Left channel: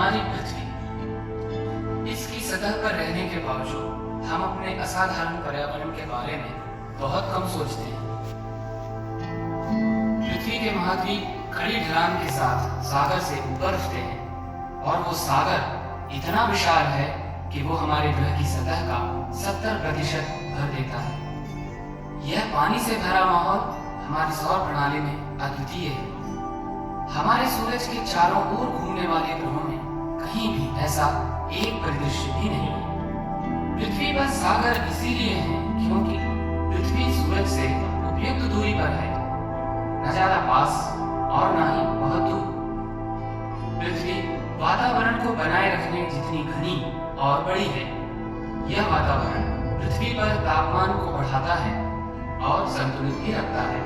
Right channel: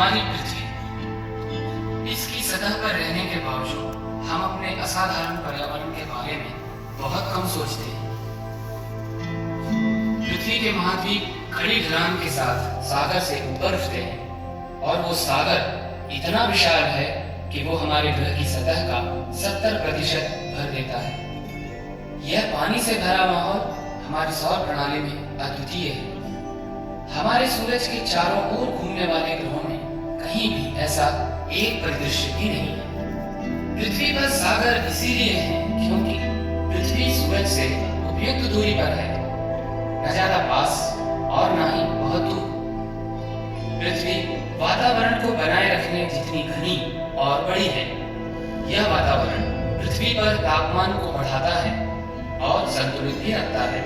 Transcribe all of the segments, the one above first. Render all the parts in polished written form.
हमारी पृथ्वी, इसकी सतह पर रहने के बावजूद हम अपने असाधारण पर्यावरण के बारे में बहुत कम सोचते हैं। पृथ्वी के महाद्वीप खड़ी ढलान के साथ सागर से ऊपर उठते हैं और वो सागर इतना विशाल है कि वो हमारे ग्रह की सतह का 70% भर देता है। यह पानी से भरा माहौल हमारी सौर प्रणाली में अद्वितीय है। हमारे सूरज के चारों ओर घूमने वाले ग्रहों में कहीं भी ऐसा एक परिदृश्य भी नहीं है। पृथ्वी पर सागर इसीलिए है क्योंकि पृथ्वी सूरज से उपयुक्त दूरी पर है, न ज्यादा पास और न ही बहुत दूर। पृथ्वी वातावरण को बनाए रखने जितनी घनी और बड़ी है, यह वातावरण पृथ्वी पर तापमान को बढ़ाता है और संतुलित भी रखता है।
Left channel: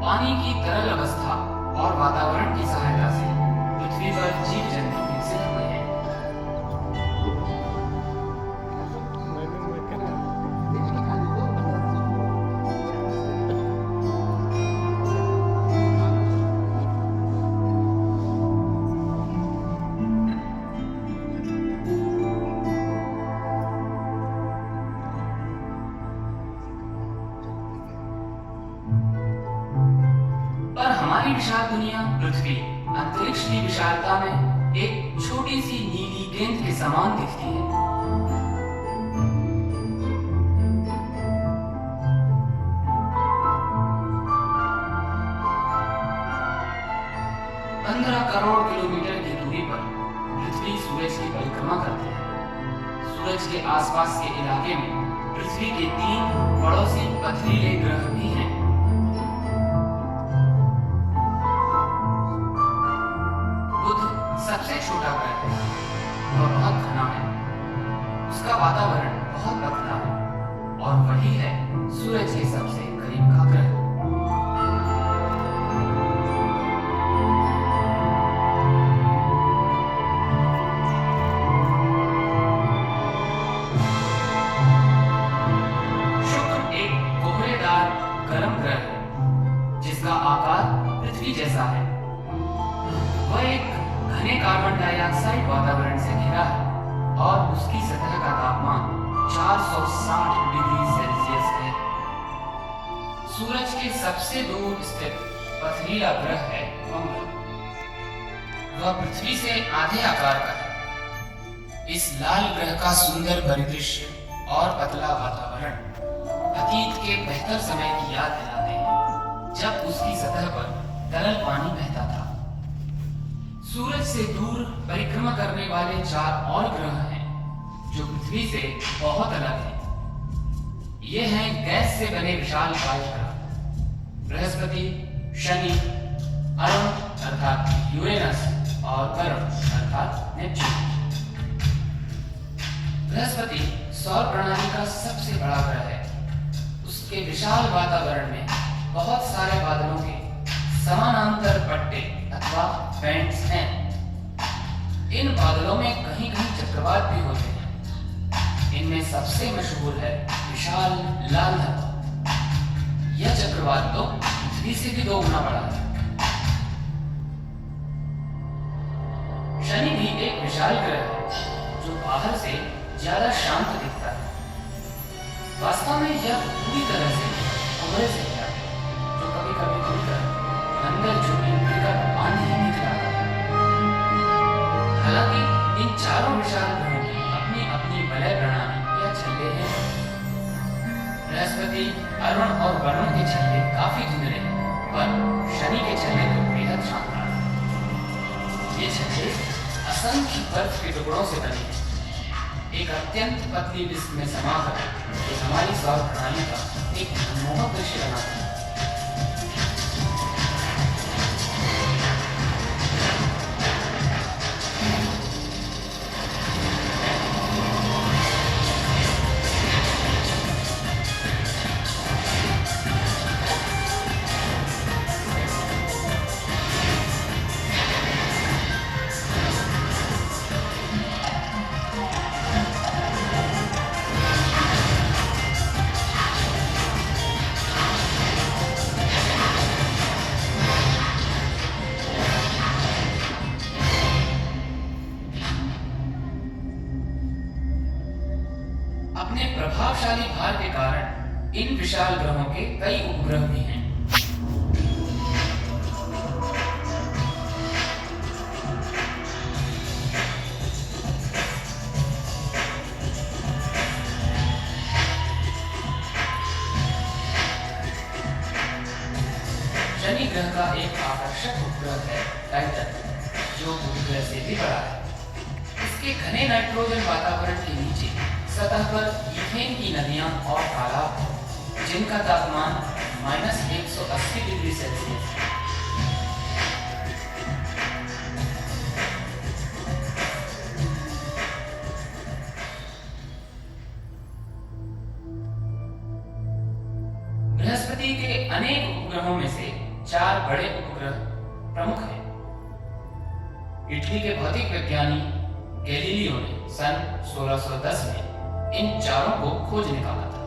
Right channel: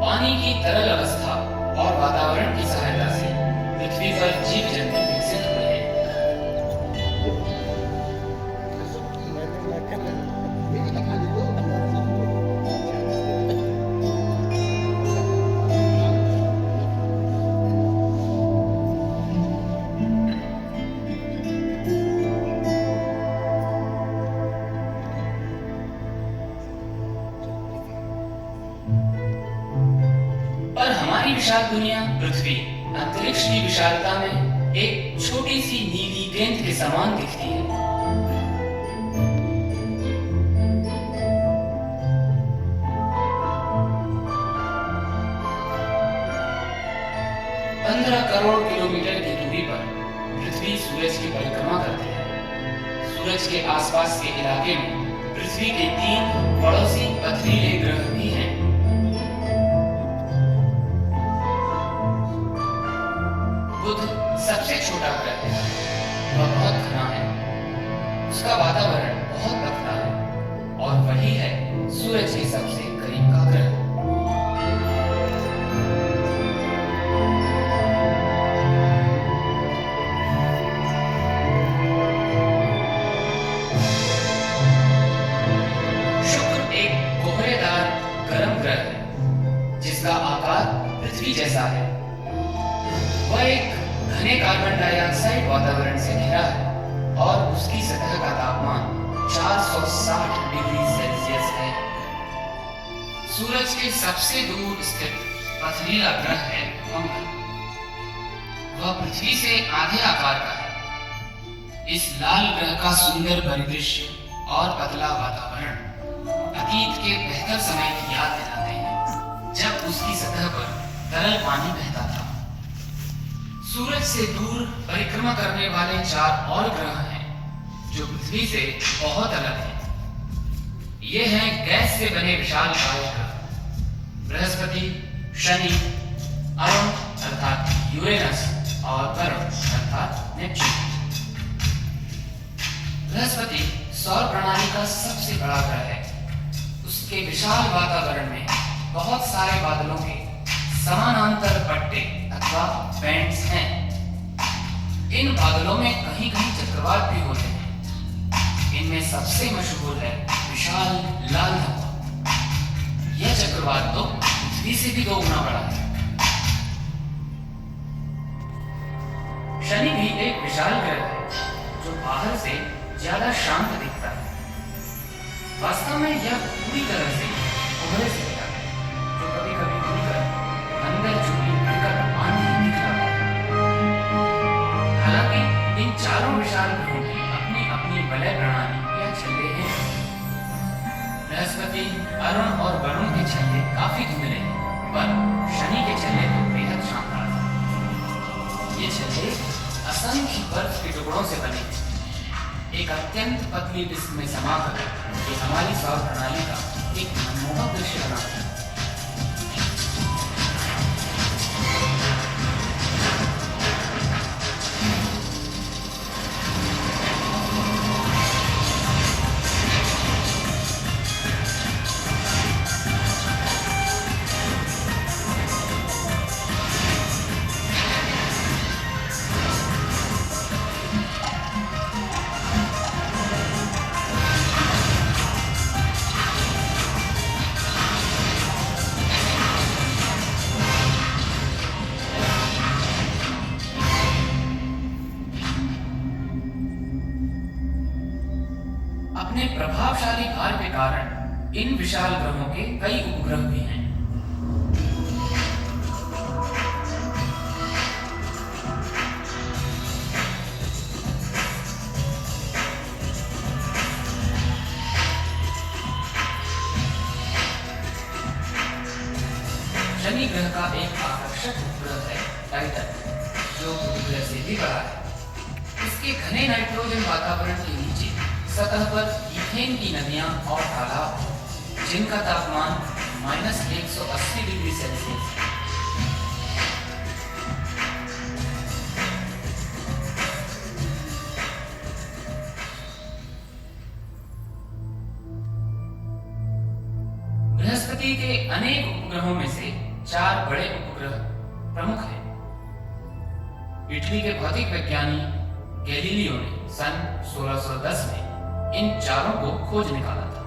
पानी की तरल अवस्था और वातावरण की सहायता से पृथ्वी पर जीव जंतु विकसित हुए हैं। विशाल दुनिया पृथ्वी अंतरिक्ष की विशालता में एक छोटी सी नीली गेंद के समान दिखती है। 15 करोड़ किलोमीटर की दूरी पर पृथ्वी सूरज की परिक्रमा करती है। सूरज के आसपास के इलाके में पृथ्वी के 3 पड़ोसी पथरीले ग्रह भी हैं। सबसे छोटा ग्रह है, वह बहुत घना है, उसका वातावरण बहुत पतला है और वही है सूरज के सबसे करीब का ग्रह। शुक्र एक कोहरेदार गर्म ग्रह है जिसका आकार पृथ्वी जैसा है। वह एक घने कार्बन डाइऑक्साइड वातावरण से घिरा है और उसकी सतह का तापमान 460 डिग्री सेल्सियस है। सूरज के सबसे दूर स्थित पथरीला ग्रह है मंगल। वह पृथ्वी से आधे आकार का है। इस लाल ग्रह का सुंदर परिदृश्य और पतला वातावरण अतीत के बेहतर समय की याद दिलाते हैं, जब उसकी सतह पर तरल पानी बहता था। सूरज से दूर परिक्रमा करने वाले 4 और ग्रह हैं जो पृथ्वी से बहुत अलग हैं। ये हैं गैस से बने विशाल काय ग्रह, बृहस्पति, शनि, अरुण अर्थात यूरेनस और वरुण अर्थात नेपच्यून। बृहस्पति सौर प्रणाली का सबसे बड़ा ग्रह है। उसके विशाल वातावरण में बहुत सारे बादलों के समानांतर पट्टे अथवा बैंड्स हैं। इन बादलों में कहीं कहीं चक्रवात भी होते हैं। इनमें सबसे मशहूर है विशाल लाल धब्बा। यह चक्रवात तो पृथ्वी से भी 2 गुना बड़ा है। शनि भी एक विशाल ग्रह है जो बाहर से ज्यादा शांत दिखता है। वास्तव में यह पूरी तरह से कोहरे से घिरा है जो कभी कभी खुलकर अंदर झुकी विकट आंधी निकला है। हालांकि इन चारों विशाल ग्रहों की अपनी अपनी वलय प्रणाली या छल्ले हैं। बृहस्पति, अरुण और वरुण के छल्ले काफी धुंधले हैं, पर शनि के छल्ले तो बेहद शानदार हैं। ये छल्ले असंख्य बर्फ के टुकड़ों से बने हैं। एक अत्यंत पतली डिस्क में समाकर ये हमारी सौर प्रणाली का एक मनमोहक दृश्य बनाते हैं। के कारण इन विशाल ग्रहों के कई उपग्रह भी हैं। शनि ग्रह का एक आकर्षक उपग्रह है टाइटन, जो बुध ग्रह से भी बड़ा है। इसके घने नाइट्रोजन वातावरण के नीचे सतह पर ईथेन की नदियां और तालाब हैं, जिनका तापमान -180 डिग्री सेल्सियस है। बृहस्पति के अनेक उपग्रहों में से 4 बड़े उपग्रह प्रमुख हैं। इटली के भौतिक वैज्ञानी गैलीलियो ने सन 1610 में इन चारों को खोज निकाला था।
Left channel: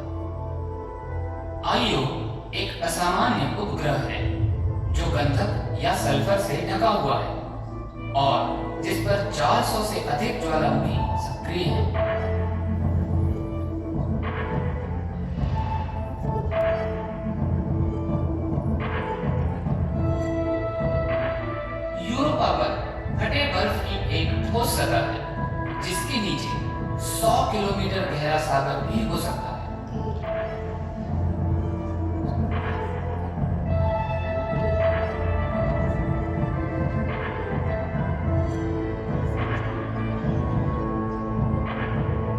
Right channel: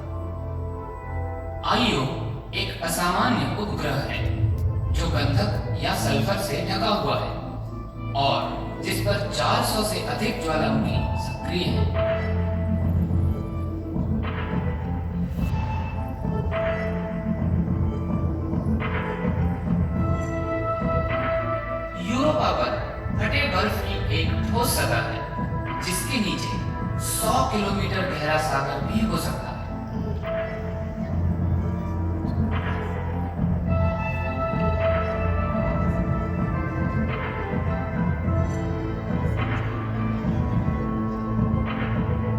आईओ एक असामान्य उपग्रह है जो गंधक या सल्फर से ढका हुआ है और जिस पर 400 से अधिक ज्वालामुखी सक्रिय हैं। यूरोपा पर फटे बर्फ की एक ठोस सतह है जिसके नीचे 100 किलोमीटर गहरा सागर भी हो सकता है।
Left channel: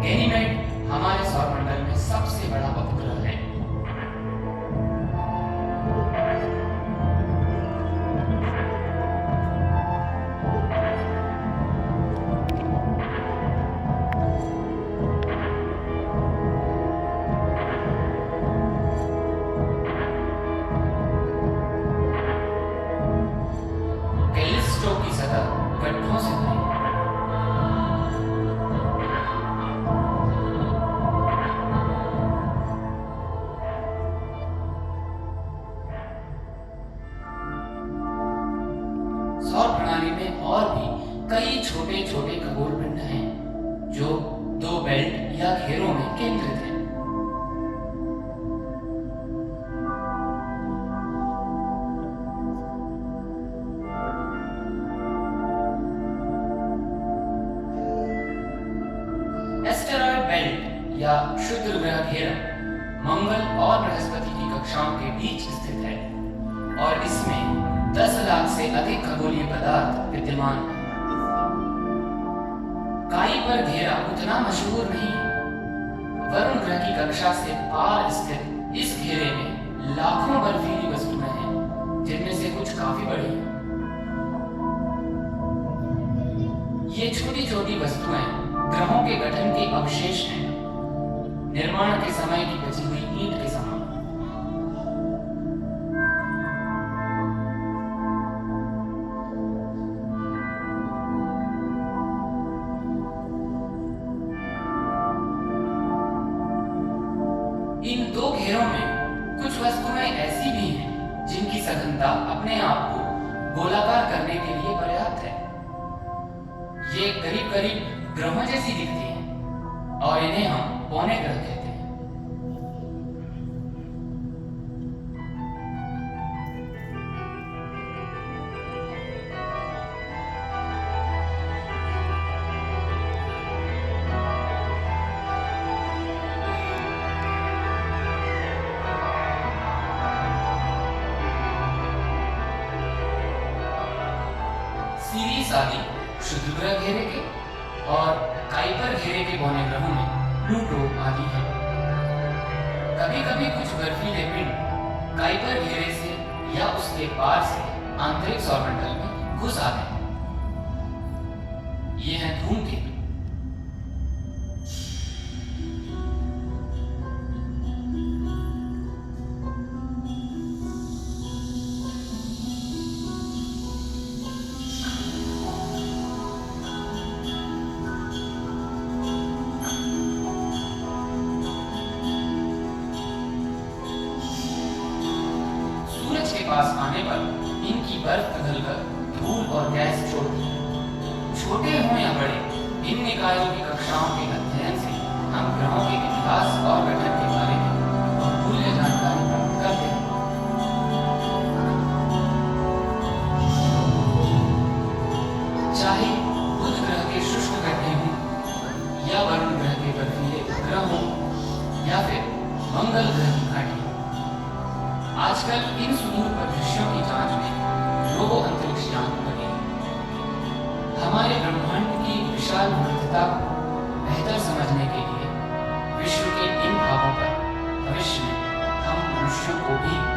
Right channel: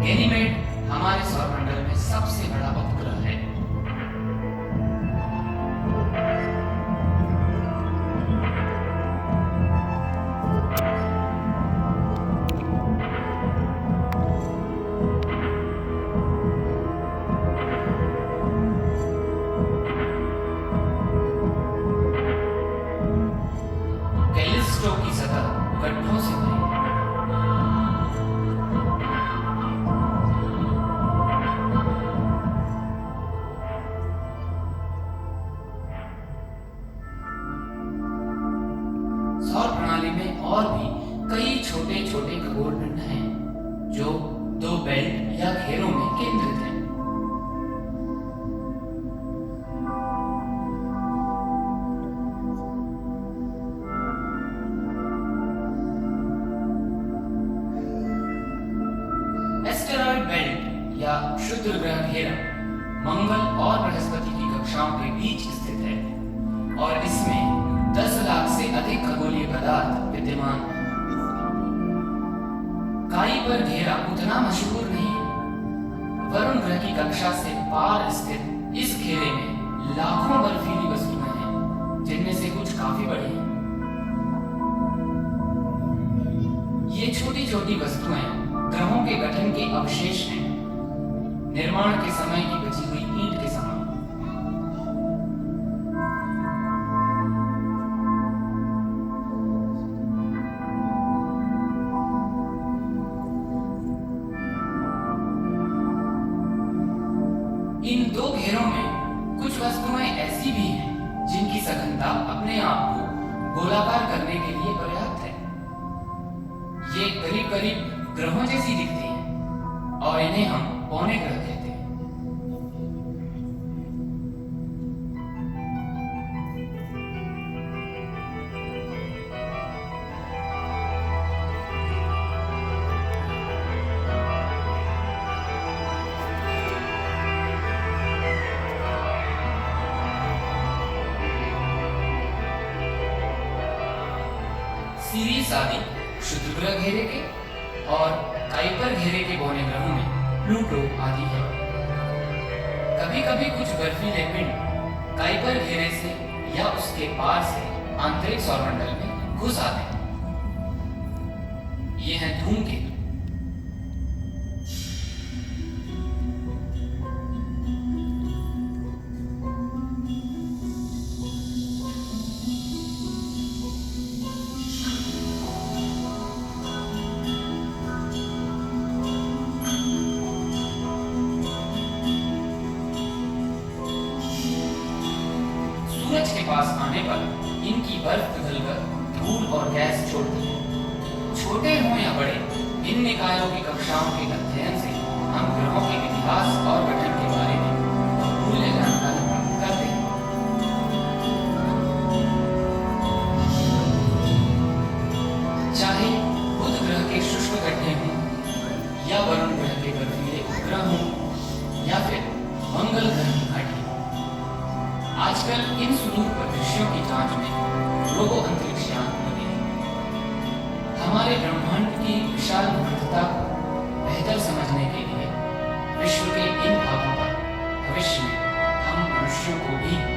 गैनीमेड हमारे सौरमंडल में सबसे बड़ा उपग्रह है। कैलिस्टो की सतह गड्ढों से भरी है। सौर प्रणाली में और भी कई छोटे छोटे खगोल पिंड हैं जो 2 बेल्ट या घेरों में केंद्रित हैं। एस्टेरॉयड बेल्ट या क्षुद्र ग्रह घेरा मंगल और बृहस्पति की कक्षाओं के बीच स्थित है और इसमें 10 लाख से अधिक खगोलीय पदार्थ विद्यमान हैं। काइपर घेरा उतना मशहूर नहीं है। वरुण ग्रह की कक्षा से पार स्थित इस घेरे में लाखों बर्फीली वस्तुएं हैं, जिनमें से कुछ काफी बड़ी हैं। ये छोटी छोटी वस्तुएं ग्रहों के गठन के अवशेष हैं, निर्माण के समय की बची हुई ईंट के समान। इन 2 घेरों में कुछ वस्तुएं ऐसी भी हैं जिनकी सघनता अपने आप को गोलाकार करने के लिए पर्याप्त है। ये करीब करीब ग्रहों जैसी दिखती हैं और इन्हें हम पौने ग्रह कहते हैं। सीरीज आदि क्षुद्र ग्रह घेरे के और काइपर घेरे के पौने ग्रहों में प्लूटो आदि है। कभी कभी कुछ बर्फीले पिंड काइपर घेरे से या उसके पार से आंतरिक सौरमंडल में घुस आते हैं। ये हैं धूमकेतु। सूरज के पास आने पर इनकी बर्फ पिघलकर धूल और गैस छोड़ती है। छोटे हों या बड़े, इन निकायों की कक्षाओं के अध्ययन से हम ग्रहों के इतिहास और गठन के बारे में मंगल ग्रह की घाटी। आजकल इन सुदूर परिदृश्यों की जांच में रोबो अंतरिक्ष यान लगे हैं। हमारे ब्रह्मांड की विशाल विविधता को बेहतर समझने के लिए विश्व के इन भागों पर भविष्य में हम मनुष्यों को भी